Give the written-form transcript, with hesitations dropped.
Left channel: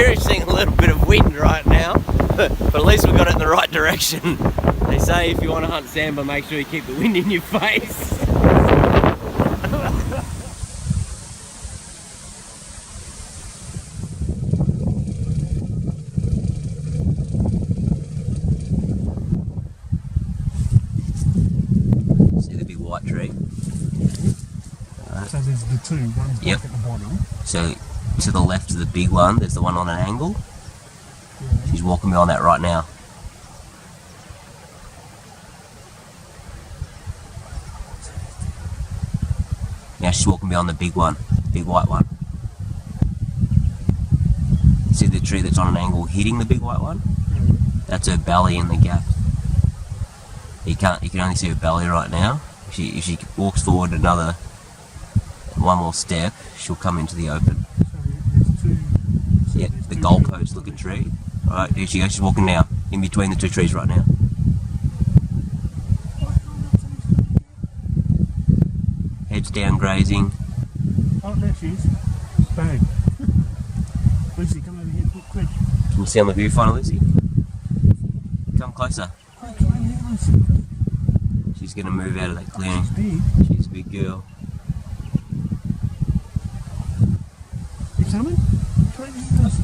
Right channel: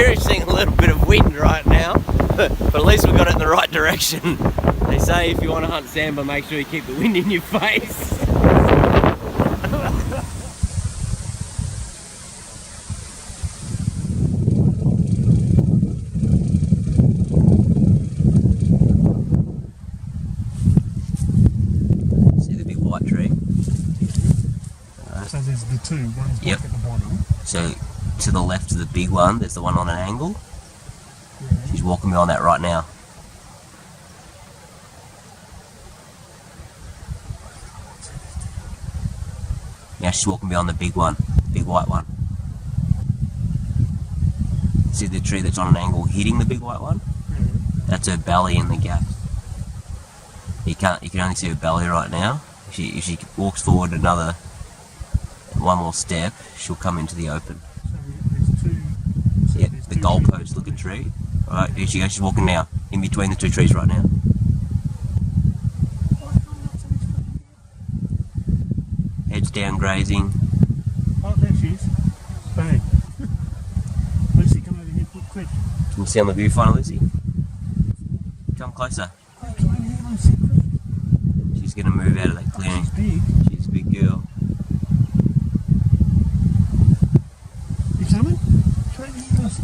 experiencing a little bit of wind right now, but at least we got it in the right direction. They say if you want to hunt sambar, make sure you keep the wind in your face. See the big white tree? So there's the two, one's Yep. back at the bottom. So to the left of the big one, there's the one on an angle. Yeah. She's walking behind that right now. Now she's walking behind the big one, big white one. See the tree that's on an angle hitting the big white one? Yeah. That's her belly in the gap. You can only see her belly right now. If she walks forward one more step, she'll come into the open. So there's two. So Yeah, there's the two goalpost looking tree. Right, here she goes, she's walking now, in between the two trees right now. Heads down grazing. Oh, there she is. Bang. Lucy, come over here, quick. Can you see on the viewfinder, Lucy? Come closer. Quick, come over here, Lucy. She's gonna move out of that clearing. She's big. She's a big girl. You coming? Come over here, Lucy.